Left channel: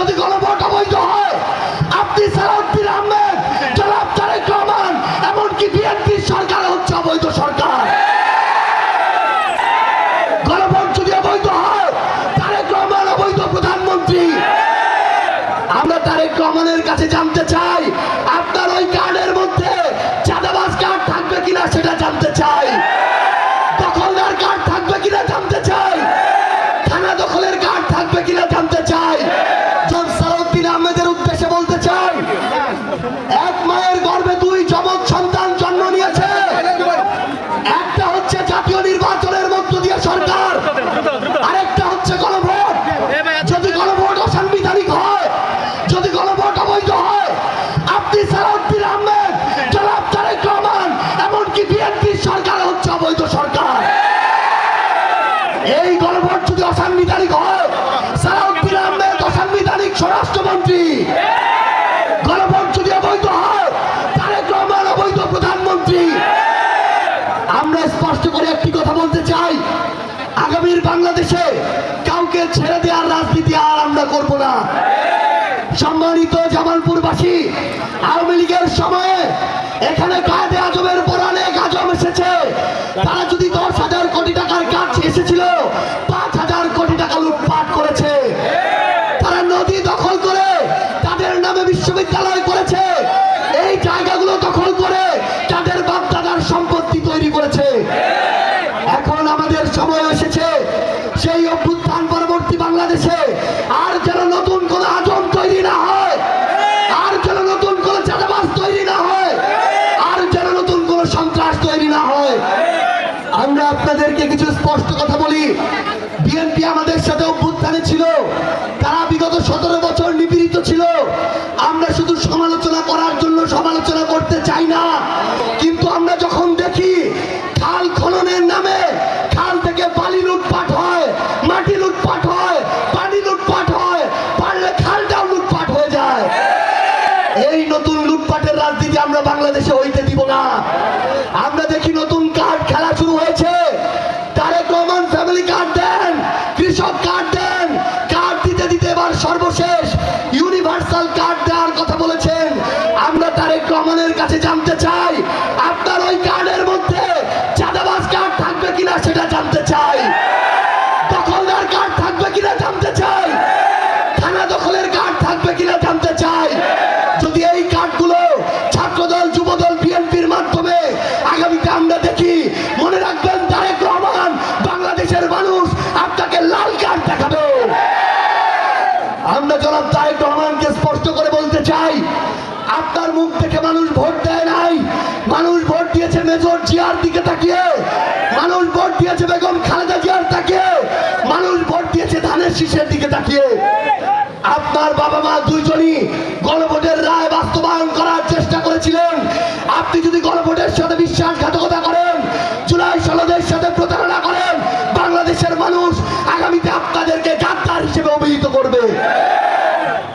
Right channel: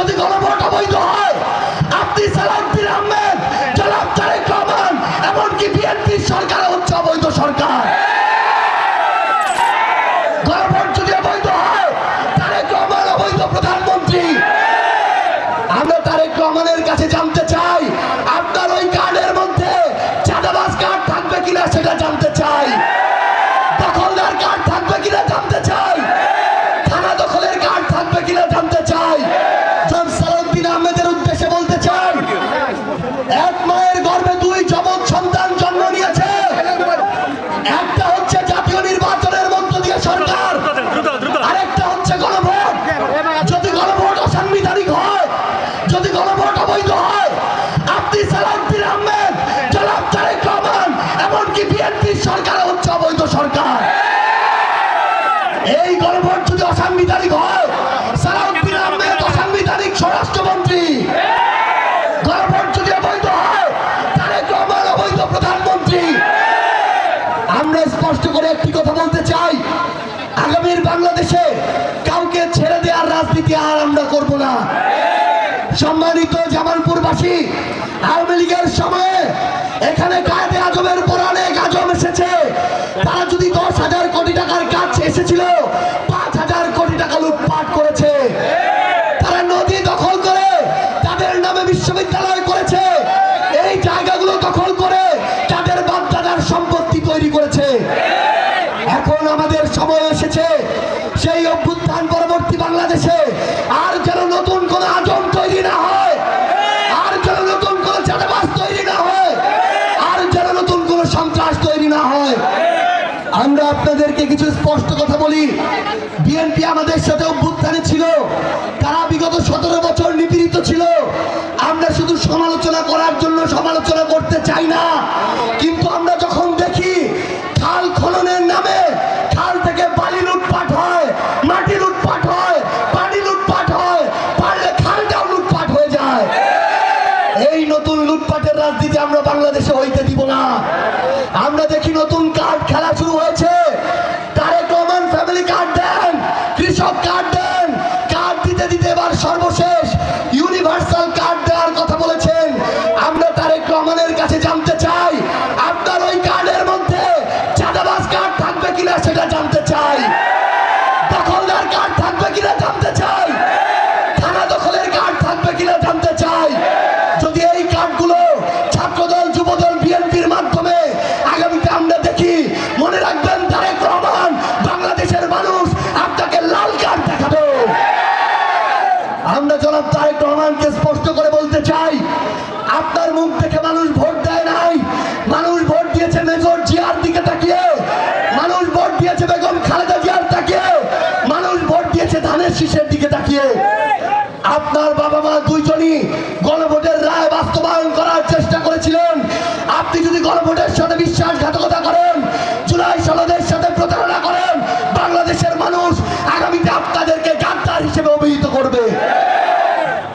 যদি গণভোট অবৈধ হয়, আপনি সালাউদ্দিন আহমেদ, জনাব তারেক রহমান, এমনকি বিএনপির সরকার হচ্ছে অবৈধ সরকার। গণভোট যদি অবৈধ হয়, তারেক রহমান অবৈধ প্রধানমন্ত্রী। আমরা তারেক রহমানের কাছে জানতে চাই, আপনার ওই কার্ডের মধ্যে চাঁদাবাজ কার্ড থাকবে কিনা সেটা জানতে চাই, দখলদার কার্ড থাকবে কিনা জানতে চাই, থানা দখলের কার্ড থাকবে কিনা জানতে চাই। জনাব সালাউদ্দিন আহমেদের উদ্দেশ্যে বলতে চাই, এক মায়ের গর্ভে দুই যমজ সন্তান জন্ম নিয়েছে। একটা হচ্ছে জাতীয় নির্বাচনের মধ্য দিয়ে সরকার, আরেকটা হচ্ছে গণভোট। যদি গণভোট অসাংবিধানিক হয়, যদি গণভোট অবৈধ হয়, আপনি সালাউদ্দিন আহমেদ, জনাব তারেক রহমান, এমনকি বিএনপির সরকার হচ্ছে অবৈধ সরকার। এই গণভোট যদি অসাংবিধানিক হয়, সালাউদ্দিন আহমেদ অসাংবিধানিক স্বরাষ্ট্রমন্ত্রী। গণভোট যদি অবৈধ হয়, তারেক রহমান অবৈধ প্রধানমন্ত্রী। আমরা স্পষ্ট করে একটি কথা বলতে চাই, আগামীর বাংলাদেশে কাউকে ছেড়ে দেওয়ার রাজনীতি আর আমরা করব না। সম্মানিত জামালপুরবাসী, আওয়ামী লীগের সময়ে এখানে কায়েদে আজমের পর অনেক আজম এসেছে। তারা যদি 10,000 কোটি টাকার কাজ এসেছিল, 5,000 কোটি টাকা লুটপাট করেছে। তারা নদী দখল করে তাদের নামে বিশ্ববিদ্যালয় করেছে। এই জায়গাগুলো দখল করে তাদের বাপদাদার সম্পত্তি তৈরি করেছে। এখন আমাদের সময় এসেছে সেই অভ্যুত্থান পরবর্তী বাংলাদেশে আর যেন নতুন কোন আজম তৈরি না হয়, আর যেন নতুন কোন চাঁদাবাজ তৈরি না হয়, আর যেন নতুন কোন সন্ত্রাস তৈরি না হয়। আমরা আপনাদেরকে কিছু স্পষ্ট কথা বলি, বিএনপি আমাদের সাথে অভ্যুত্থানে ছিল, তারা বিগত 17 বছর নিপীড়িত ছিল। আমরা শুধু সমালোচনা করার জন্য সমালোচনা করতে চাই না, কিন্তু আমরা যখন দেখি খাল খননের নামে খাল থেকে বালি লুটপাট হয়, মাটি লুটপাট হয়, পানি লুটপাট হয়, পারলে খালটাও লুটপাট হয়ে যায়। এই নতুন লুটপাটের রাজনীতি আমরা বাংলাদেশে হইতে দিব না। আমরা দেখি নতুন কার্ড খেলা শুরু হয়েছে। তারেক রহমান ফ্যামিলি কার্ড দেন, কৃষক কার্ড দেন, কার্ড দিতে দিতে এবার সর্বশেষ ইউনিভার্সাল কার্ড দেওয়ার কথা বলেছেন। আমরা তারেক রহমানের কাছে জানতে চাই, আপনার ওই কার্ডের মধ্যে চাঁদাবাজ কার্ড থাকবে কিনা সেটা জানতে চাই, দখলদার কার্ড থাকবে কিনা জানতে চাই, থানা দখলের কার্ড থাকবে কিনা জানতে চাই। যদি এই কার্ডগুলো ছাত্রদল, যুবদল, বিএনপির মাধ্যমে আগামীতে আমরা দেখি, মনে রাখবেন তারেক রহমান, বাংলাদেশের মানুষ আপনাকে লাল কার্ড দেখাবে। আমরা জনাব তারেক রহমানকে স্পষ্ট করে বলতে চাই, আপনার মুখ দেখে মানুষ ভোট দেয় নাই। মানুষ ভোট দিয়েছে মেজর জিয়ার দিকে তাকিয়ে, মানুষ ভোট দিয়েছে বেগম খালেদা জিয়ার তাকিয়ে, মানুষ ভোট দিয়েছে ধানের শীষের দিকে তাকিয়ে। আপনার বাবা মা দুইজনই গণভোটের রায় বাস্তবায়ন করার চেষ্টা করেছিলেন। আপনি যদি গণভোটের সাথে বিশ্বাসঘাতকতা করেন,